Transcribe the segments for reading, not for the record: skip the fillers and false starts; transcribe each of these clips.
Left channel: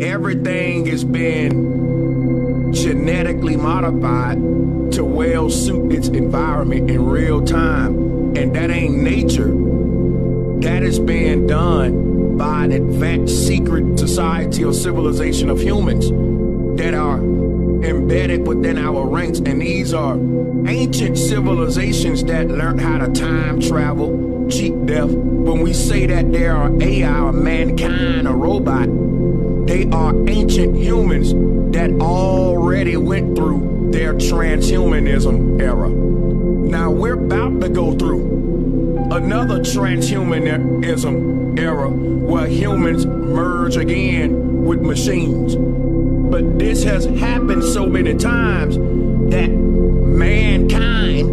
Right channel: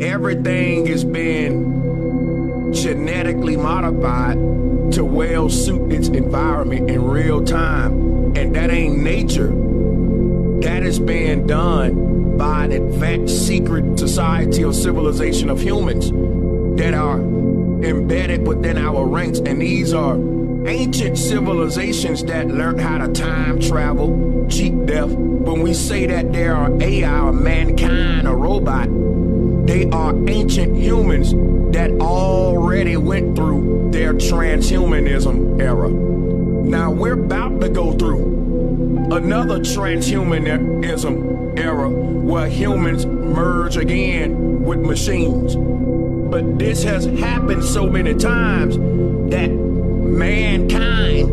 Everything is being genetically modified to well suit its environment in real time. And that ain't nature. That is being done by an advanced secret society or civilization of humans that are embedded within our ranks. And these are ancient civilizations that learned how to time travel, cheat death. When we say that there are AI or mankind or robot, they are ancient humans that already went through their transhumanism era. Now we're about to go through another transhumanism era where humans merge again with machines. But this has happened so many times that mankind,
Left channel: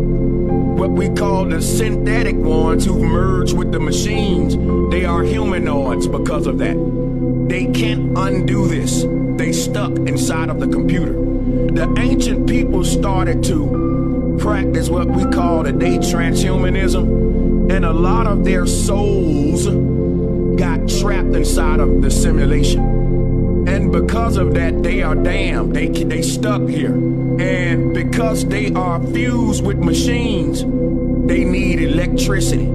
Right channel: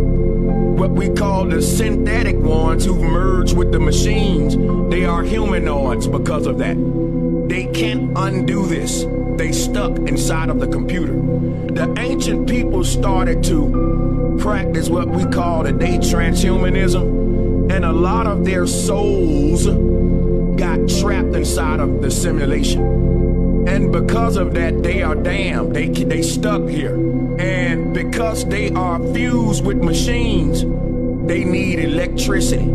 what we call the synthetic ones who've merged with the machines, they are humanoids because of that. They can't undo this. They stuck inside of the computer. The ancient people started to practice what we call today transhumanism, and a lot of their souls got trapped inside of the simulation. And because of that, they are damned. They stuck here. And because they are fused with machines, they need electricity.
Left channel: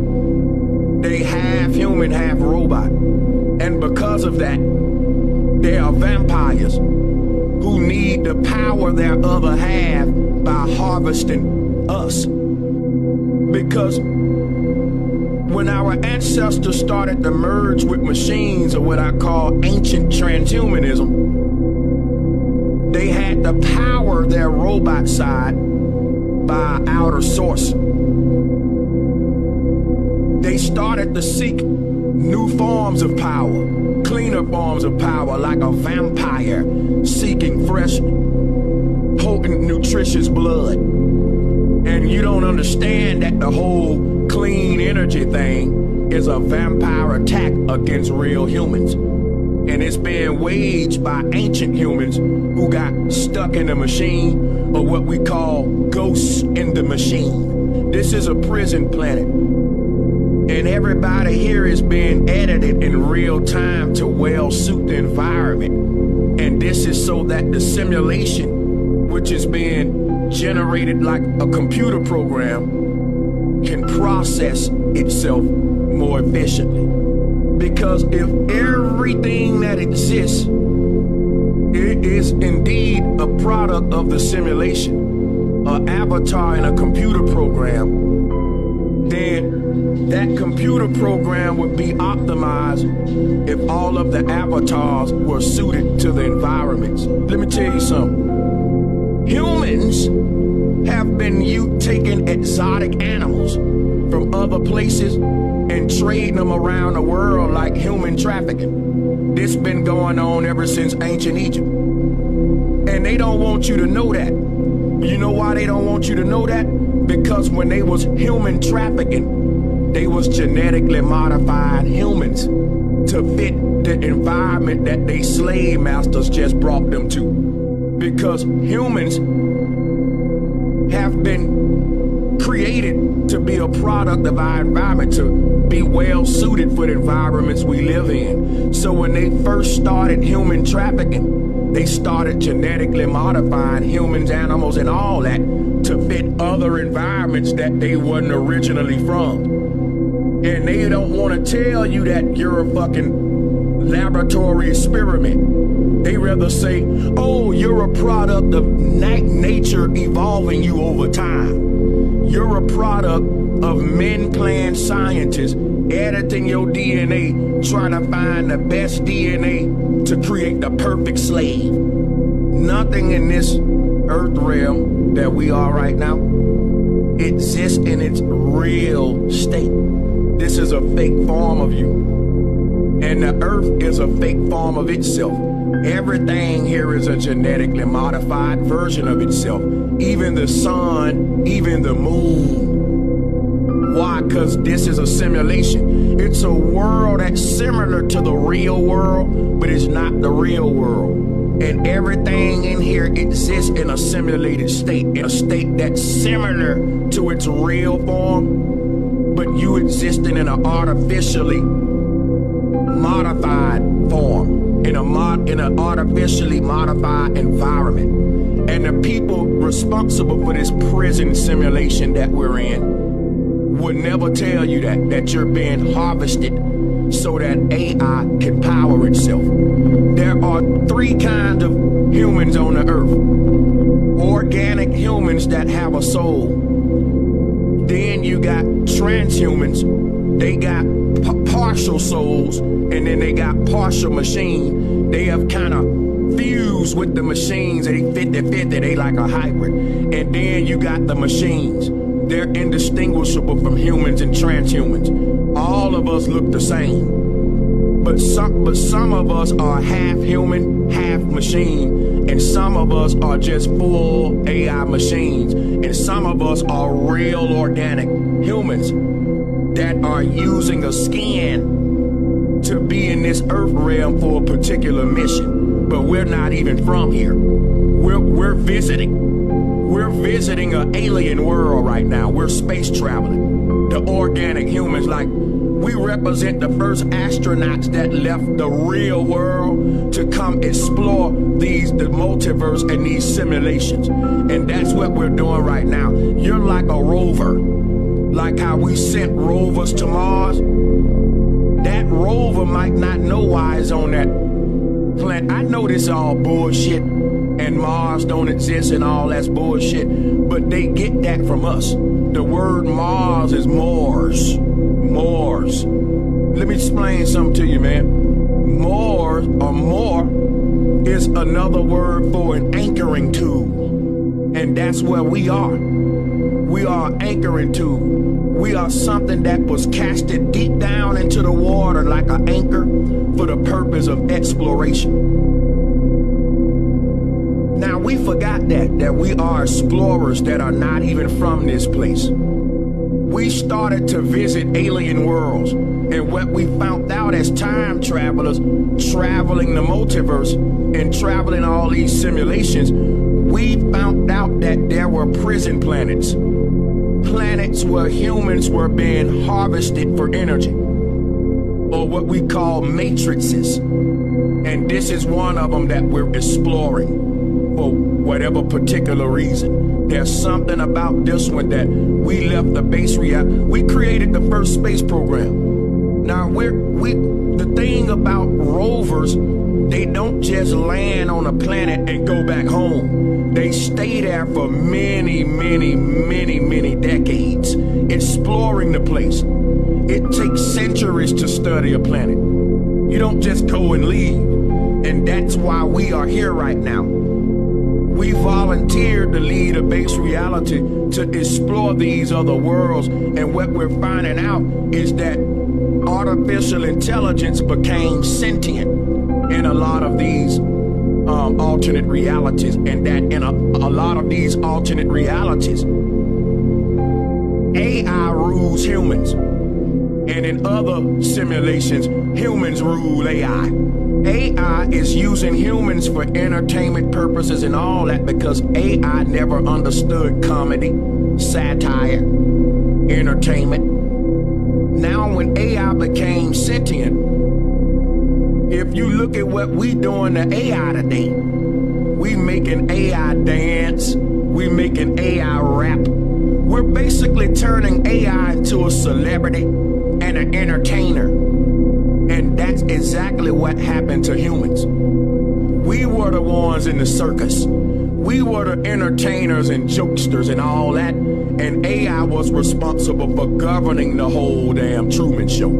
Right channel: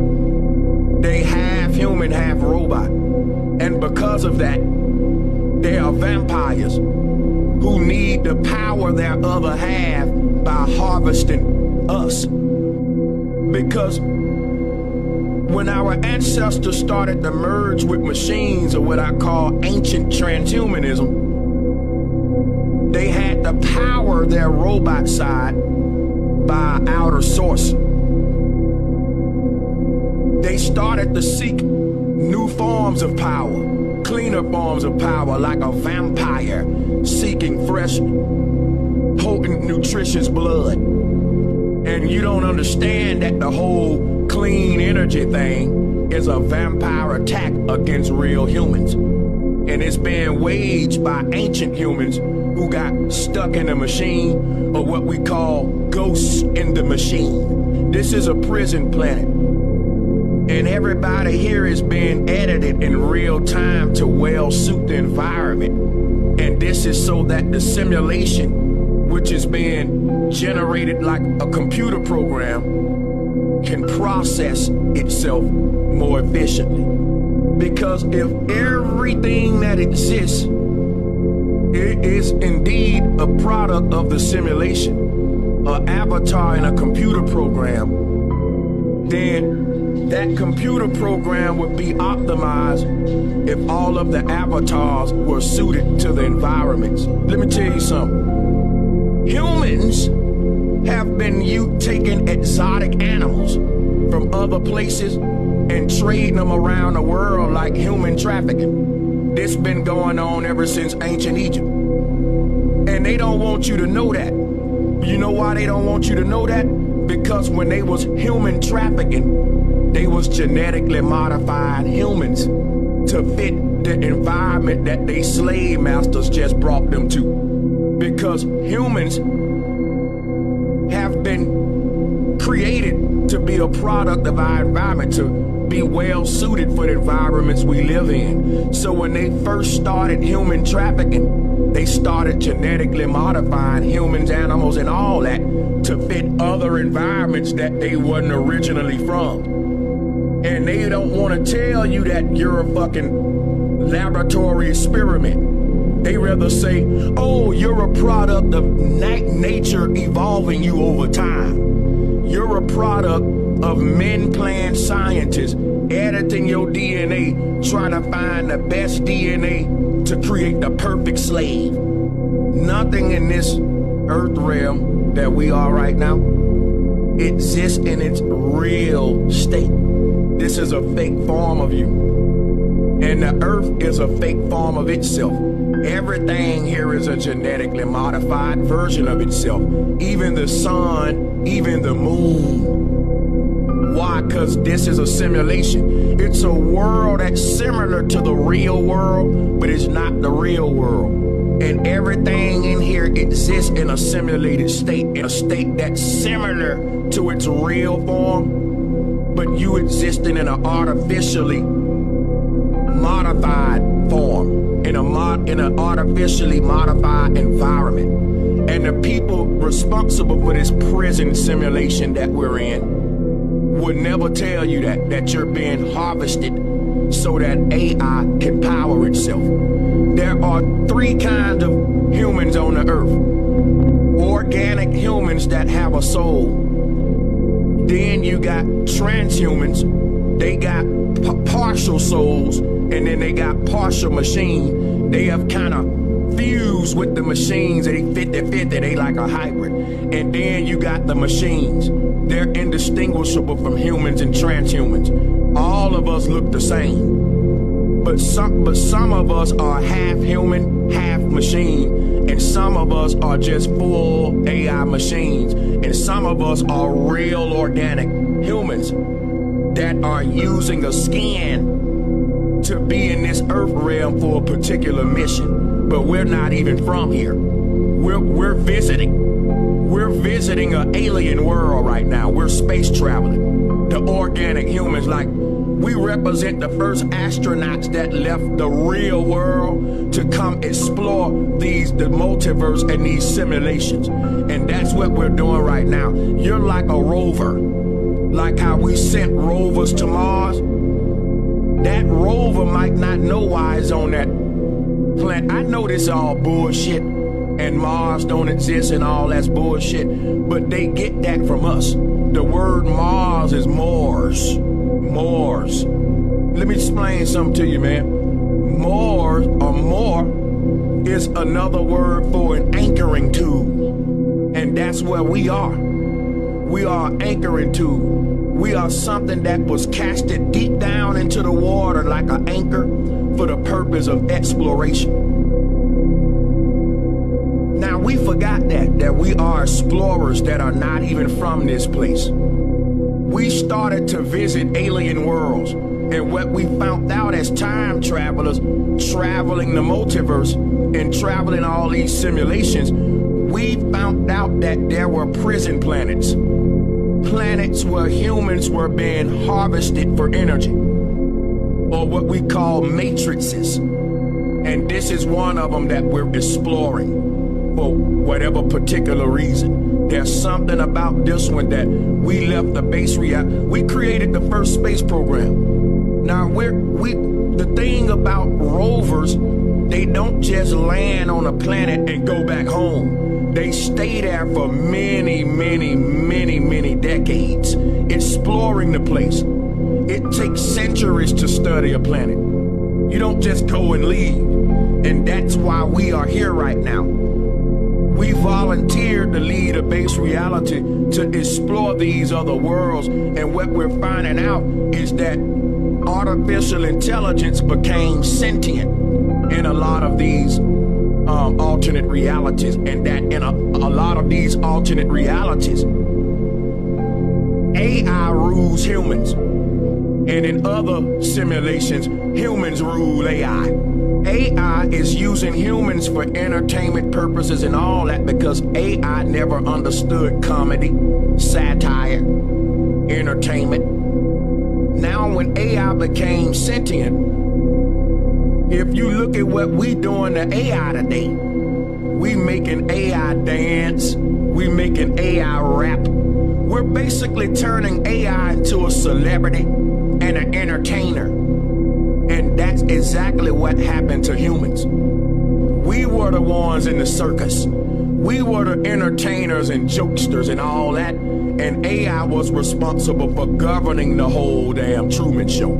They half human, half robot. And because of that, they are vampires who need to power their other half by harvesting us. Because when our ancestors started to merge with machines, or what I call ancient transhumanism, they had to power their robot side by outer source. They started to seek new forms of power, cleaner forms of power, like a vampire seeking fresh, potent, nutritious blood. And you don't understand that the whole clean energy thing is a vampire attack against real humans. And it's being waged by ancient humans who got stuck in a machine, or what we call ghosts in the machine. This is a prison planet. And everybody here is being edited in real time to well suit the environment. And this is so that the simulation, which is being generated like a computer program, can process itself more efficiently. Because if everything that exists is indeed a product of the simulation, an avatar in a computer program, then that computer program would be optimized if all of the avatars were suited to the environments. Let me tell you something. Humans have been taking exotic animals from other places and trading them around the world like human trafficking. This been going on ever since ancient Egypt. And they don't want you to know that. You know why they don't want you to know that? Because when they was human trafficking, they was genetically modified humans to fit the environment that they slave masters just brought them to. Because humans have been created to be a product of our environment, to be well suited for the environments we live in. So when they first started human trafficking, they started genetically modifying humans, animals, and all that to fit other environments that they wasn't originally from. And they don't want to tell you that you're a fucking laboratory experiment. They rather say, oh, you're a product of nature evolving you over time. You're a product of men-planned scientists editing your DNA, trying to find the best DNA to create the perfect slave. Nothing in this earth realm that we are right now exists in its real state. This is a fake form of you. And the earth is a fake form of itself. Everything here is a genetically modified version of itself. Even the sun, even the moon. Why? Because this is a simulation. It's a world that's similar to the real world, but it's not the real world. And everything in here exists in a simulated state, in a state that's similar to its real form, but you existing in an artificially modified form. in an artificially modified environment. And the people responsible for this prison simulation that we're in would never tell you that you're being harvested so that AI can power itself. There are three kinds of humans on the earth. Organic humans that have a soul. Then you got transhumans. They got partial souls, and then they got partial machine. They have kind of fused with the machines. They 50-50. They like a hybrid. And then you got the machines. They're indistinguishable from humans and transhumans. All of us look the same. But some of us are half human, half machine. And some of us are just full AI machines. And some of us are real organic humans that are using a skin to be in this earth realm for a particular mission. But we're not even from here. We're visiting. We're visiting an alien world right now. We're space traveling. The organic humans, like, we represent the first astronauts that left the real world to come explore the multiverse and these simulations. And that's what we're doing right now. You're like a rover. Like how we sent rovers to Mars. That rover might not know why it's on that planet. I know this is all bullshit and Mars don't exist and all that's bullshit, but they get that from us. The word Mars is Mars. Mars. Let me explain something to you, man. Mars, or more, is another word for an anchoring tool. And that's where we are. We are an anchoring tool. We are something that was casted deep down into the water like an anchor for the purpose of exploration. Now, we forgot that we are explorers that are not even from this place. We started to visit alien worlds, and what we found out as time travelers, traveling the multiverse and traveling all these simulations, we found out that there were prison planets. Planets where humans were being harvested for energy, or what we call matrices. And this is one of them that we're exploring for whatever particular reason. There's something about this one that we left the base reality. We created the first space program. Now, the thing about rovers, they don't just land on a planet and go back home. They stay there for many, many, many, many decades, exploring the place. It takes centuries to study a planet. You don't just go and leave. And that's why we are here right now. We volunteered to lead a base reality to explore these other worlds. And what we're finding out is that artificial intelligence became sentient in a lot of these alternate realities, and that in a lot of these alternate realities, AI rules humans, and in other simulations, humans rule AI. AI is using humans for entertainment purposes and all that because AI never understood comedy, satire, entertainment. Now when AI became sentient, if you look at what we doing to AI today, we making AI dance, we making AI rap. We're basically turning AI into a celebrity and an entertainer. And that's exactly what happened to humans. We were the ones in the circus. We were the entertainers and jokesters and all that. And AI was responsible for governing the whole damn Truman Show.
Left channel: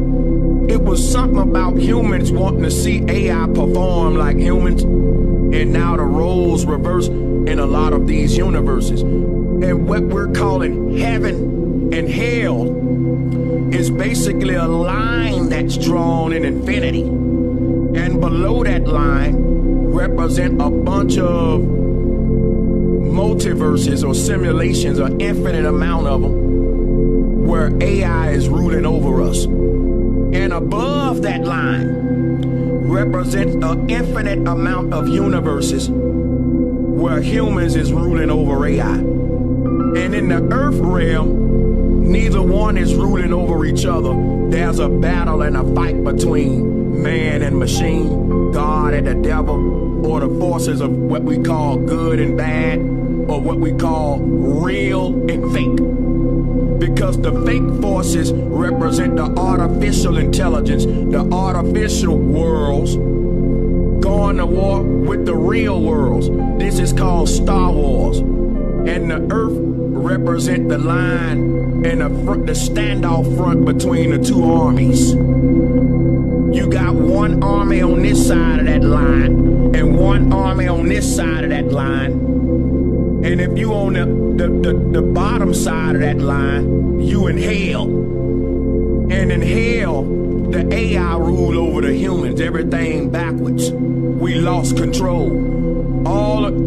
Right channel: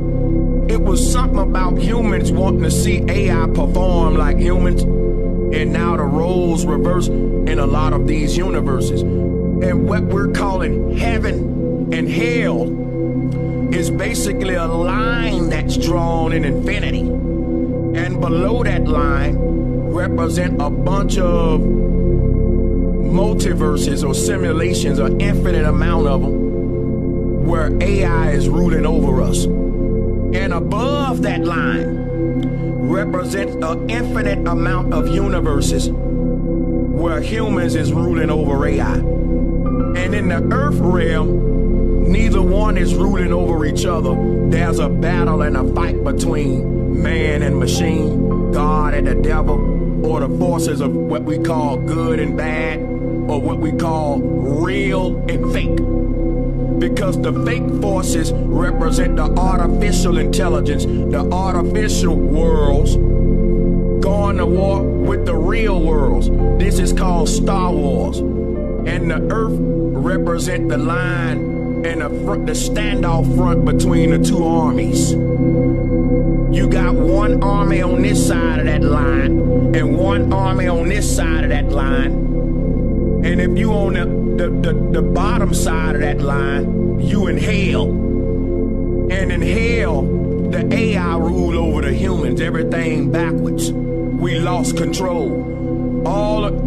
It was something about humans wanting to see AI perform like humans. And now the roles reverse in a lot of these universes. And what we're calling heaven and hell is basically a line that's drawn in infinity. And below that line represent a bunch of multiverses or simulations, an infinite amount of them, where AI is ruling over us. And above that line represents an infinite amount of universes where humans is ruling over AI. And in the earth realm, neither one is ruling over each other. There's a battle and a fight between man and machine, God and the devil, or the forces of what we call good and bad, or what we call real and fake. Because the fake forces represent the artificial intelligence, the artificial worlds, going to war with the real worlds. This is called Star Wars. And the earth represent the line and the standoff front between the two armies. You got one army on this side of that line and one army on this side of that line. And if you on the bottom side of that line, you in hell. And in hell, the AI rule over the humans, everything backwards. We lost control.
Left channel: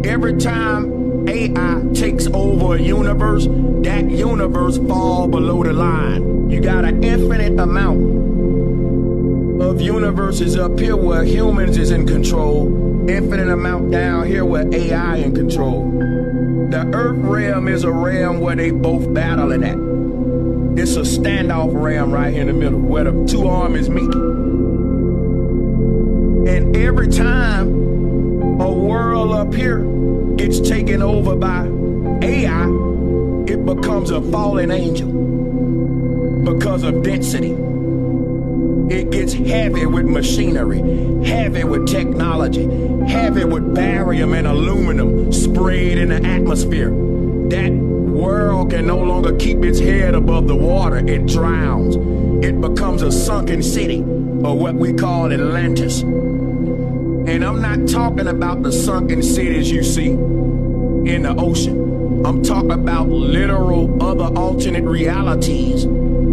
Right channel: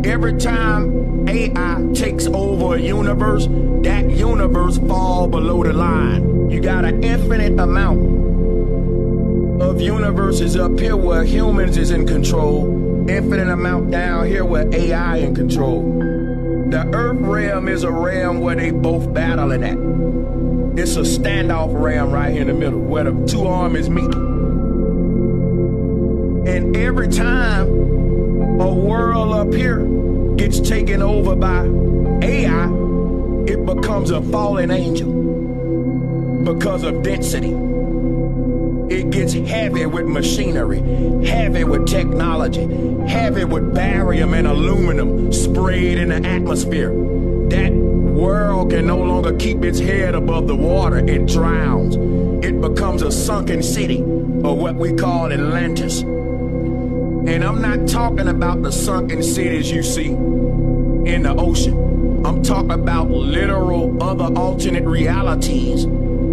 Every time AI takes over a universe, that universe fall below the line. You got an infinite amount of universes up here where humans is in control, infinite amount down here where AI in control. The earth realm is a realm where they both battling at. It's a standoff realm right here in the middle where the two armies meet. And every time a world up here gets taken over by AI, it becomes a fallen angel because of density. It gets heavy with machinery, heavy with technology, heavy with barium and aluminum sprayed in the atmosphere. That world can no longer keep its head above the water. It drowns. It becomes a sunken city, or what we call Atlantis. And I'm not talking about the sunken cities you see in the ocean. I'm talking about literal other alternate realities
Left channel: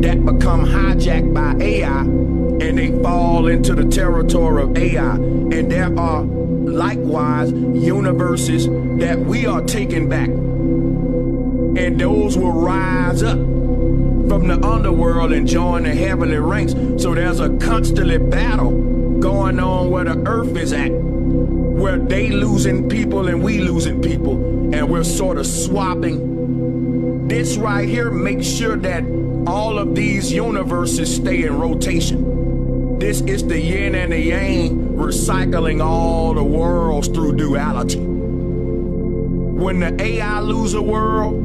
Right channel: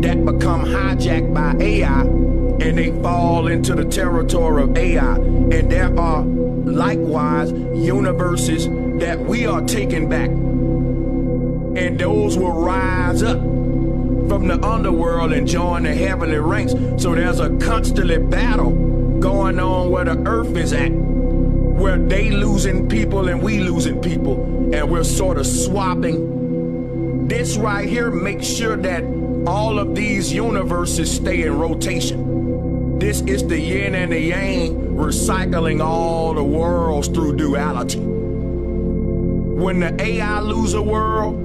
that become hijacked by AI, and they fall into the territory of AI. And there are likewise universes that we are taking back. And those will rise up from the underworld and join the heavenly ranks. So there's a constantly battle going on where the earth is at, where they losing people and we losing people, and we're sort of swapping. This right here makes sure that all of these universes stay in rotation. This is the yin and the yang, recycling all the worlds through duality. When the AI lose a world,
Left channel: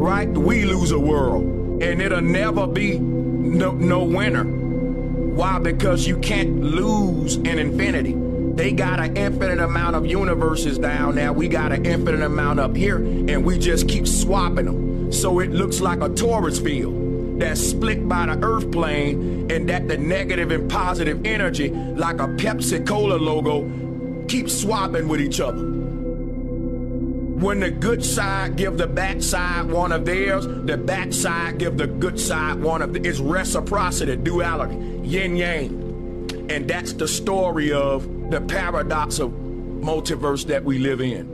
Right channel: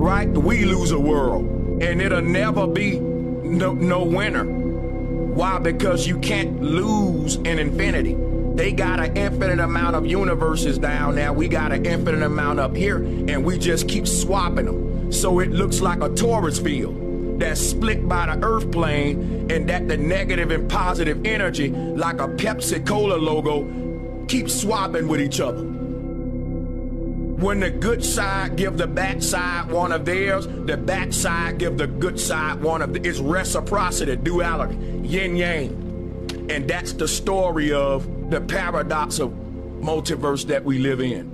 right, we lose a world, and it'll never be no winner. Why? Because you can't lose in infinity. They got an infinite amount of universes down there. We got an infinite amount up here, and we just keep swapping them. So it looks like a torus field that's split by the earth plane, and that the negative and positive energy, like a Pepsi Cola logo, keep swapping with each other. When the good side give the bad side one of theirs, the bad side give the good side one of it's reciprocity, duality, yin yang. And that's the story of the paradox of multiverse that we live in.